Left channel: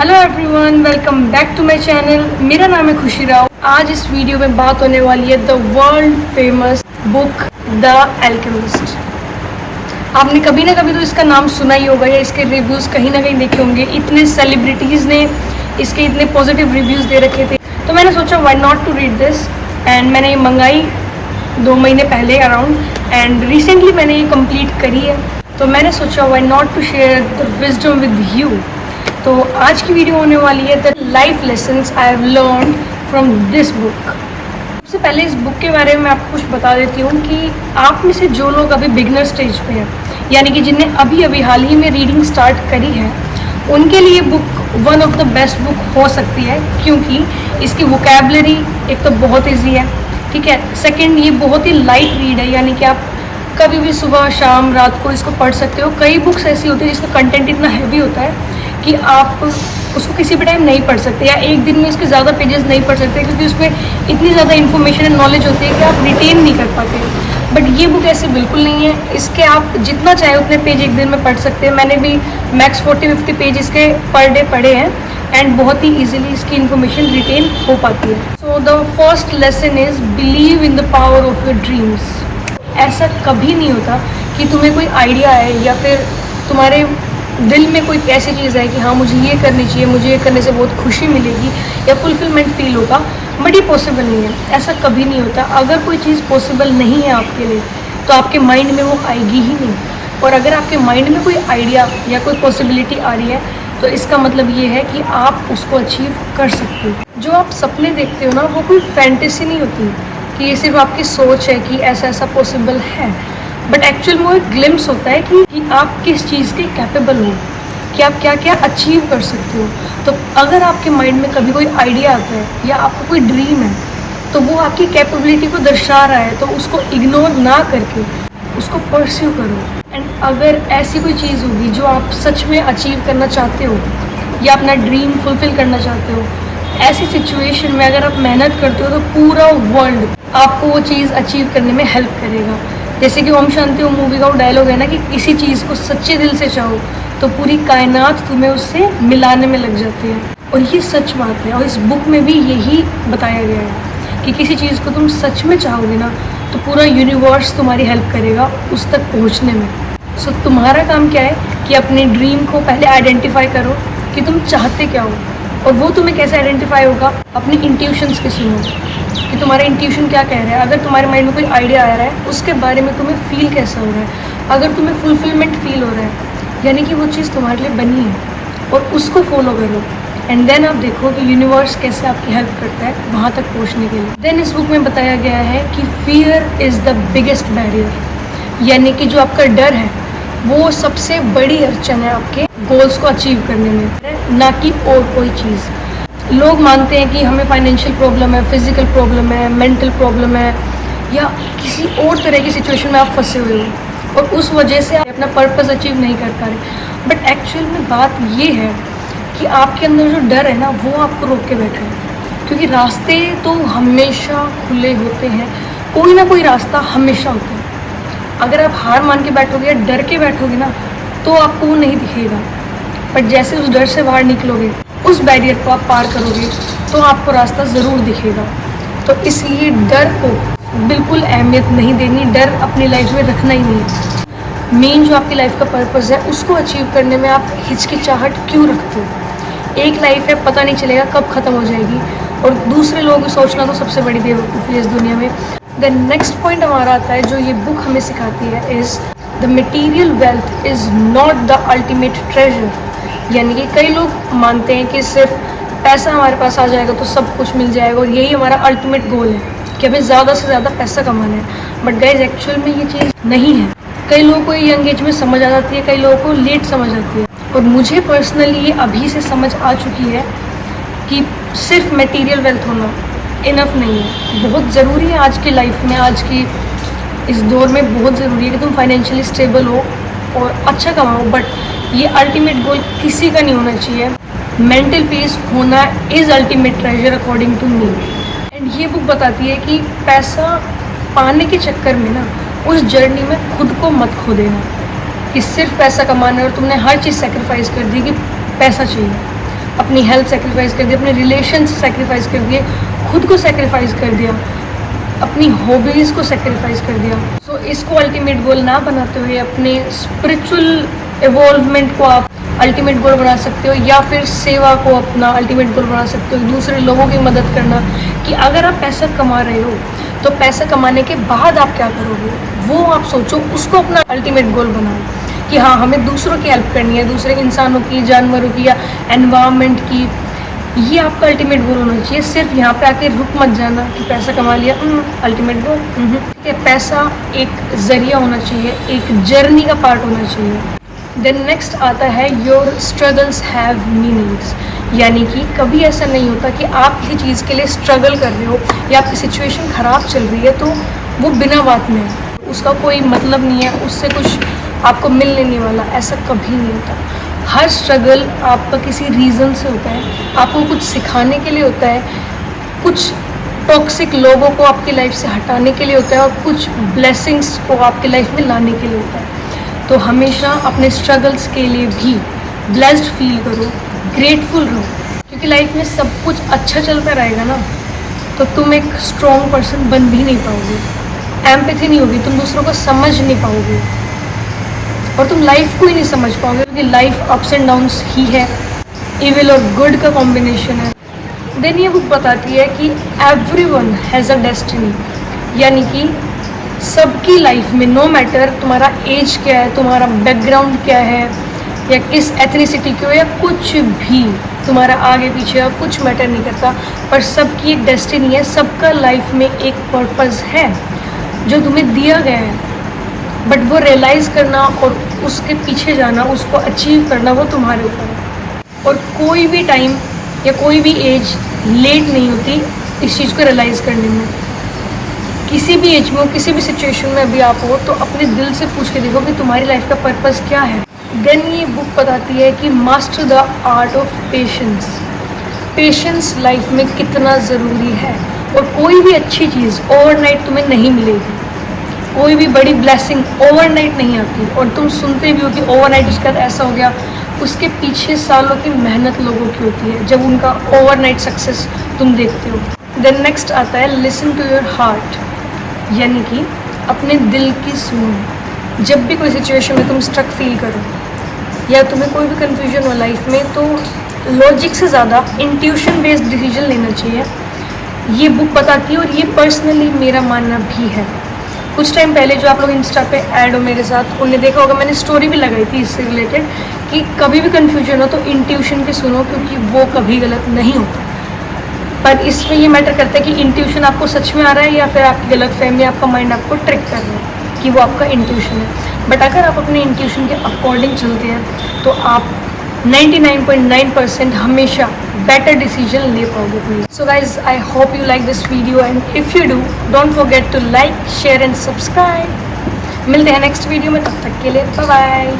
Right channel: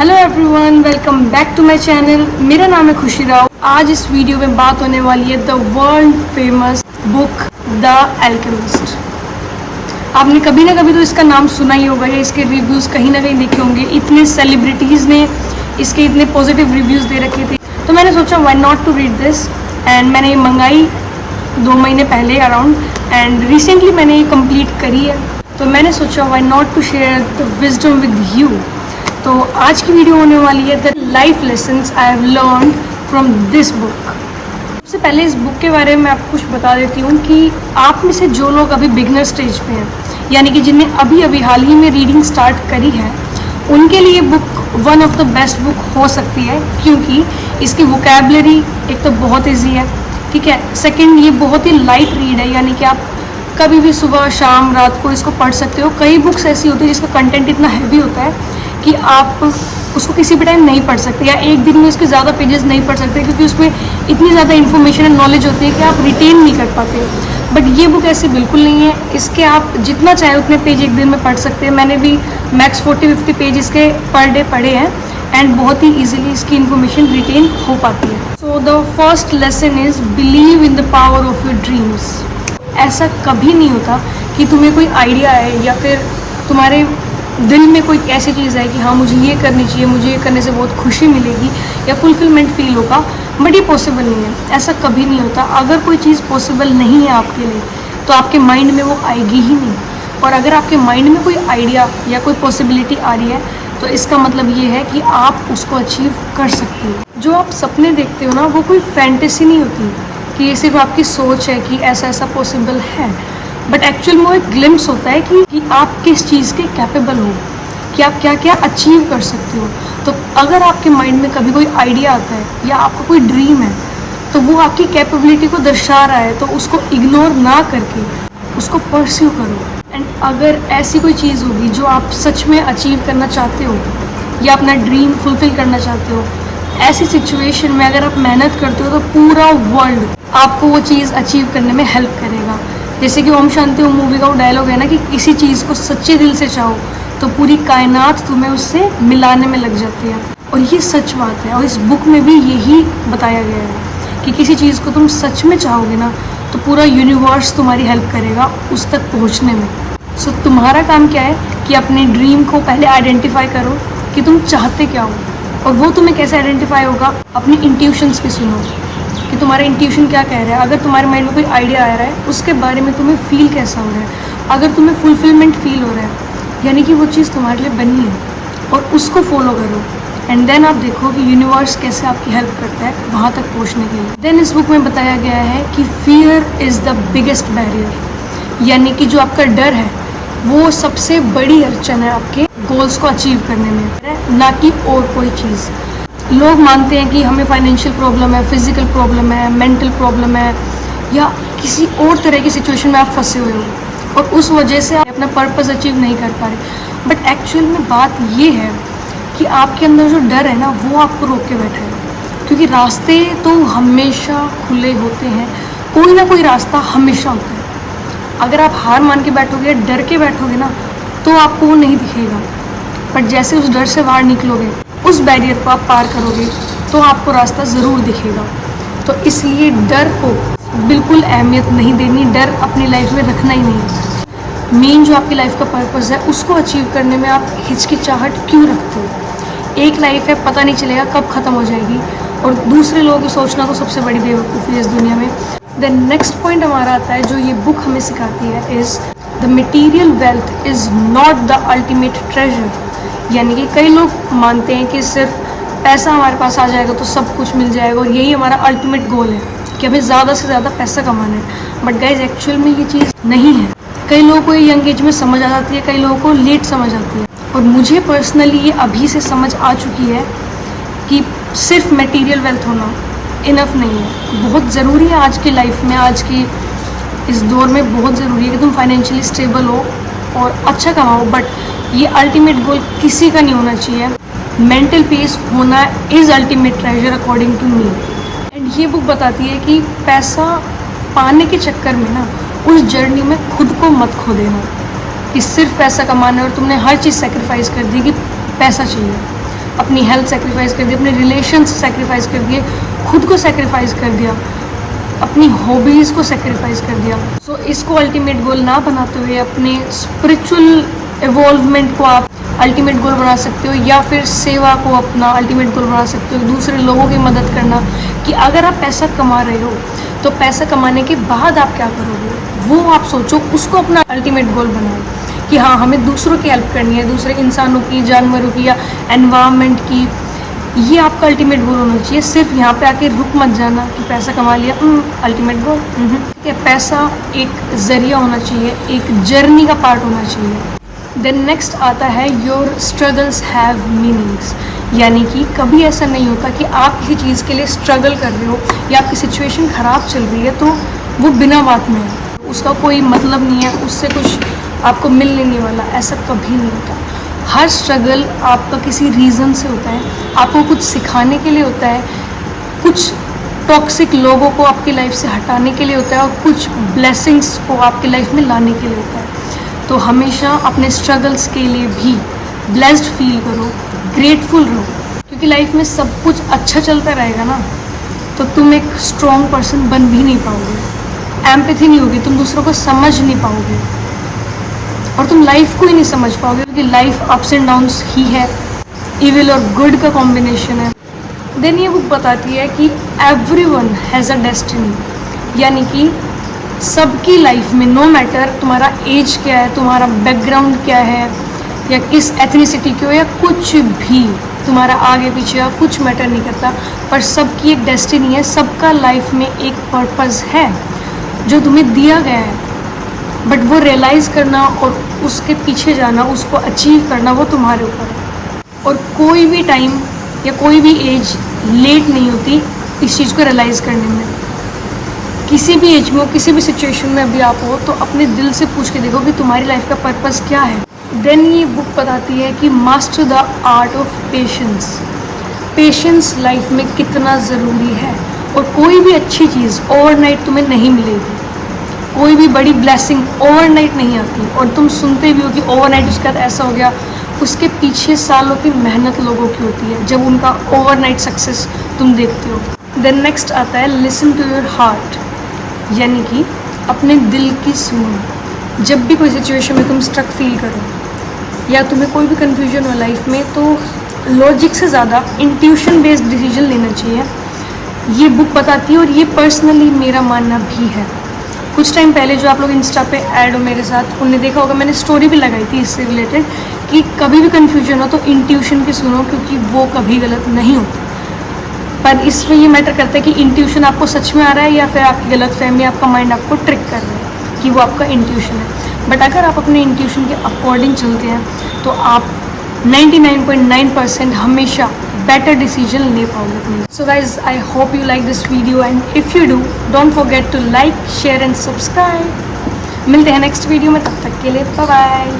Hello everyone, welcome back to my channel. मेरा नाम है खुशी राव। आज इस वीडियो में बात होने वाली है the world famous book the alchemist. आपने कभी ना कभी तो इसका नाम सुना ही होगा या इसके रिव्यूज़ कहीं ना कहीं देखे होंगे। इतने सेलिब्रिटीज़ ने इसके इतने पॉजिटिव रिव्यूज़ दे रखे थे, तो मैंने सोचा why not to read this. And मैंने ये मंगाई 2 महीने पहले अराउंड, एंड रिसेंटली मैंने ये कंप्लीट करी है। तो मैंने सोचा why not to share the wisdom with you. तो आज की वीडियो होने वाली है the life lessons I have learn from this book. सबसे पहले इस बुक के बारे में आपको कुछ बता देती हूँ कि आप में से जो लोग अभी बिगनर स्टेज पे हैं, यानी कि जिन्हें अभी अभी हाल ही में रीडिंग स्टार्ट करी है, उनके लिए book one of the best book हो सकती है, क्योंकि इसकी वोकैबलरी एक तो बहुत ईजी है, ठीक है। सेकेंड, ये बहुत ही लाइट रीड है, यानी कि आप कभी भी सुबह शाम रात को इसको पढ़ सकते हो। कई बुक्स ऐसी होती है जिसका कंटेंट इतना हैवी होता है कि आप उसको किसी भी टाइम नहीं पढ़ सकते, या एक दिन में उसके ज़्यादा पेजेस नहीं पढ़ सकते, क्योंकि उसमें इतनी ज़्यादा इन्फॉर्मेशन एंड नॉलेज होती है कि आप रिटेन नहीं कर पाते। बट ये बुक ऐसे बिल्कुल नहीं है। इसके आप जितना चाहे उतने पेज एक दिन में पढ़ सकते हैं। मैंने भी मैक्स 40-50 पेज इसके पर डे पढ़े हैं, एंड बहुत ही ईजिली इसकी इन्फॉर्मेशन रिटेन हो पाती है। So the first lesson is believe in the power of your dreams. ऐसा कभी नहीं होता कि तुम्हें कोई आइडिया है या फिर तुम्हारे दिल में कोई ऐसी चीज़ है कि हाँ मुझे ये करनी चाहिए, मुझे ये करने से बहुत खुशी मिलेगी या फुलफिलमेंट फील होगा, बट ये पॉसिबल नहीं है। ऐसा कभी नहीं होता। अगर कोई चीज़ पॉसिबल नहीं है आपके लिए, तो आपके माइंड में वो आएगी ही नहीं। और अगर आपके माइंड में कोई आइडिया या कोई पॉसिबिलिटी आ रही है, तो इसका मतलब ये है कि आप उसको अचीव कर सकते हो। जो आप सपने देखते हो ना, वो कोई फैंटेसी नहीं होती कि ये सिर्फ आपकी सोच है कि ऐसा ऐसा पॉसिबल है, बट एक्चुअल में वो एक ग्लिम्स होता है कि आप किस चीज़ के कैपेबल हो, कि आप क्या क्या अचीव कर सकते हो। तो अगर आपके माइंड में कभी कोई आइडिया आता है या आपका कोई ड्रीम है, तो वो आपकी कैपेबिलिटी को दर्शा रहा है, तो उसको इग्नोर ना करके उसको परस्यू करो। एंड अगर ऐसी कोई चीज़ होगी जो आप सच में अचीव करना चाहते हो या अपना ड्रीम फुलफिल करना चाहते हो, ऐसी सिचुएशन में अगर आप मेहनत करते हो, तो पूरा वर्ल्ड आपको वो चीज़ अचीव करने में हेल्प करेगा। जैसे कि ओम शांति ओम मूवी का वो डायलॉग है ना कि किसी चीज़ को सच्चे दिल से चाहो तो पूरी कायनात तुम्हें उससे मिलाने में लग जाती है। और ये सच बात है, और इस बुक में भी यही बताया गया है कि किसी चीज़ को तुम सच में चाहोगे ना, तो पूरा यूनिवर्स तुम्हारी हेल्प करेगा उस तक पहुँचने में। सो तुम्हारा काम क्या है कि अपने ड्रीम को पहले आइडेंटिफाई करो कि तुम चाहते क्या हो। और वो तुम्हें कैसे आइडेंटिफाई होगा? अपनी इंट्यूशंस के सुनो कि तुम्हारा इंट्यूशन क्या कह रहा है। अगर तुम्हारे माइंड में कोई आइडिया आ रहा है, उसके बारे में तुम्हें फील कैसा हो रहा है। अगर तुम्हें फुलफिलमेंट फील हो रहा है, यानी कि वो चीज़ तुम्हारे लिए बनी है, और उसको फॉलो करो। एंड देन आप देखो कि यूनिवर्स कैसे आपकी हेल्प करता है वहाँ तक पहुँचने के लिए। देन इस बुक में बताया गया है कि fear is the biggest barrier, यानी कि जो आपका डर है वो सबसे बड़ी अड़चन है आपके गोल्स को अचीव करने में, ना कि और कोई चीज़। लोग मानते हैं कि हमें फाइनेंशियल प्रॉब्लम है, फिजिकल प्रॉब्लम है, मेंटल प्रॉब्लम है, या किसी और तरह की सिचुएशन में आप फंसे हुए हो और उस वजह से आप अपना पर्पस अचीव नहीं कर पा रहे। बट एक्चुअल में बात ये है कि आपके अंदर जो डर है ना, वो आपको रोक के बैठा है, क्योंकि रास्ते तो हमेशा खुले होते हैं। कोई ना कोई रास्ता हमेशा होता है। अगर आप हार मान के बैठोगे, डर के बैठोगे ना, तो आपको वो नहीं दिखेगा। बट जैसे उस डर से बाहर निकलोगे, उस बैरियर को आप पार करोगे, तो आपको रास्ता ज़रूर दिखेगा। तो इसलिए डर को बिल्कुल अहमियत नहीं देनी, डर अपनी लाइफ में रखना ही नहीं। मेन जो आपकी लाइफ का पर्पस है, उसको अचीव करने में आप हिचकिचाहट क्यों रखते हो? एक लाइफ है, पता नहीं चलेगा कब ख़त्म हो जाएगी, और दूसरे लोगों को सोचना तो सबसे बड़ी बेवकूफ़ी है इस दुनिया में। देन नेक्स्ट पॉइंट हमारा आता है जो ये बुक हमें सिखाती है, is the material wealth is not the ultimate treasure. यानी कि कई लोग मानते हैं कि सिर्फ पैसा हमारे पास आ जाएगा तो सब कुछ मिल जाएगा, और यही हमारा अल्टीमेट गोल है कि हमें ज़्यादा से ज़्यादा पैसा कमाना है। बट गाइज, एक्चुअल में ये चीज़ नहीं है। कई लोगों को यंग एज में समझ आ जाती है, कई लोगों को लेट समझ आती है, और मुझे पर्सनली ये अभी से समझ आ चुकी है कि सिर्फ मटीरियल वेल्थ होना इनफ नहीं है। बहुत ज़रूरी है आज की लाइफ में, आज की इस दौर में बहुत ज़रूरी है कि तुम फाइनेंशियली स्टेबल हो और अच्छा कमाओ, बट ये अल्टीमेट गोल किसी का नहीं होना चाहिए। मेंटल पीस होना is ultimate treasure according to me. And ये बुक बताती है कि पैसा पाने के चक्कर में ना, उस जर्नी में खुद को मत खो देना कि सिर्फ पैसा कमाना है और तुमने हर चीज़ सेक्रीफाइस कर दी कि पैसा चाहिए। अपनी हेल्थ सेक्रीफाइस कर दी, अपने रिलेशन सेक्रीफाइस कर दिए, खुद को सेक्रीफाइस कर दिया, अपनी हॉबीज़ को सेक्रीफाइस कर दिया। सो इसको अल्टीमेट गोल ना बनाते हुए अपने स्पिरिचुअल इवॉल्वमेंट को आप अल्टीमेट गोल बना सकते हो, या फिर सेवा को अपना अल्टीमेट गोल बना सकते हो, दूसरे लोगों की मदद करना। कि अगर आप पैसा कमा रहे हो तो पैसा कमाने के बाद आप क्या करोगे, वो आप सोचो, उसको अपना अल्टीमेट गोल बनाओ कि हाँ, हमें दूसरों की हेल्प करनी है, दूसरे इंसानों की, जानवरों की या एनवायरनमेंट की। ये आपका अल्टीमेट गोल होना चाहिए। सिर्फ यहाँ पे आके रुक मत जाना कि पैसा कमा लिया, अल्टीमेट गोल। ये पैसा एक जरिया होना चाहिए, एक जर्नी का पार्ट होना चाहिए। देन नेक्स्ट आता है योर स्ट्रगल्स हैव मीनिंग्स, यानी कि कभी ऐसा नहीं होता कि आप किसी चीज़ के लिए स्ट्रगल कर रहे हो या आपकी सिचुएशन ख़राब चल रही है तो वो बिना बात में, उसका कोई मतलब नहीं है, उससे कुछ आपको मिल लेने वाला, ऐसा कभी नहीं होता। हर स्ट्रगल आपका किसी रीज़न से होता है, आपको कुछ सिखाने के लिए होता है, कुछ टॉक्सिक लोगों को आपकी लाइफ से हटाने के लिए होता है, और कुछ ब्लेसिंग्स को आपकी लाइफ में लाने के लिए होता है। तो हमेशा अपने स्ट्रगल्स के लिए भी ब्लेस्ड फील करो, ग्रेटफुल रहो, क्योंकि लाइफ में सब कुछ अच्छा चलता रहेगा ना तो तुम एक स्ट्रॉन्ग पर्सन बन भी नहीं पाओगे, एम्पैथी नहीं होगी, तुम दूसरों को समझ नहीं पाओगे और तुम लाइफ को ही नहीं समझ पाओगे, क्योंकि लाइफ अप्स एंड डाउन्स ही है, इविल और गुड का कॉम्बिनेशन है। देन ये बुक बताती है कि एवरीवन हैज़ अ डेस्टिनी, यानी कि सबकी लाइफ में, नो मैटर तुम्हारा एज क्या है, तुम्हारा बैकग्राउंड क्या है, या किस एथनिसिटी के हो, या कुछ भी तुम्हारा आगे पीछे या कुछ मैटर नहीं करता, पर सबकी एक डेस्टिनी है, सबका लाइफ में एक पर्पस है जो तुम्हें दिया गया है, बट वो रियलाइज़ करना और उसके पीछे जाना, उसको अचीव करना, वो तुम्हारे ऊपर है। और कोई भी टाइम या कोई भी एज लेट नहीं होती इस चीज़ को रियलाइज़ करने में। किसी भी एज में हो, किसी भी सिचुएशन में अभी आप हो, तो अपने दिल से पूछ के देखो कि तुम्हारी लाइफ का पर्पस क्या है। देन ये बुक बताती है कि master the art of patience, patience life में कितना ज़रूरी है। और कोई भी अच्छी चीज़ ओवरनाइट तुम्हें नहीं मिलेगी, कोई भी बड़ी ब्लेसिंग ओवरनाइट नहीं आती, और तुम सुनते भी हो कि ओवरनाइट उसके बाद ऐसा हो गया, उसके पीछे सालों की मेहनत लोगों की होती है जब उनका ओवरनाइट सक्सेस तुम देखते हो। देन नेक्स्ट आता है लिसन टू योर हार्ट, यानी कि अपने दिल की सुनो। जब भी कोई सिचुएशन में तुम स्ट्रक फील करो या तुम्हें कोई भी कन्फ्यूजन हो लाइफ में, तो लॉजिक से ज़्यादा इंट्यूशन बेस्ड डिसीजन लेना चाहिए, ये बुक बताती है। और ये पर्सनली मेरा मानना भी है। कुछ टाइम पहले जो आप लोग इंस्टा पे ऐड हो मेरे साथ, उन्हें देखा होगा, मैंने स्टोरी भी लगाई थी इससे रिलेटेड कि कभी भी कन्फ्यूजन हो तो इंट्यूशन पे सुनो, क्योंकि वो कभी गलत नहीं होता। पर इसमें ये मैटर करता है कि इंट्यूशन आपको सच में आ रहा है या फिर आपकी गलत फहमी, आपका माइंड आपको ट्रिक कर रहा है कि वो आपका इंट्यूशन है। बट अगर आप अपने इंट्यूशन के अकॉर्डिंग चलते हैं तो आप 99.9% हमेशा बेटर डिसीजन ले पाओगे। So guys, I hope you like this video, and if you do, don't forget to like, share and subscribe. मिलते हैं नेक्स्ट वीडियो में, तब तक के लिए बाय बाय।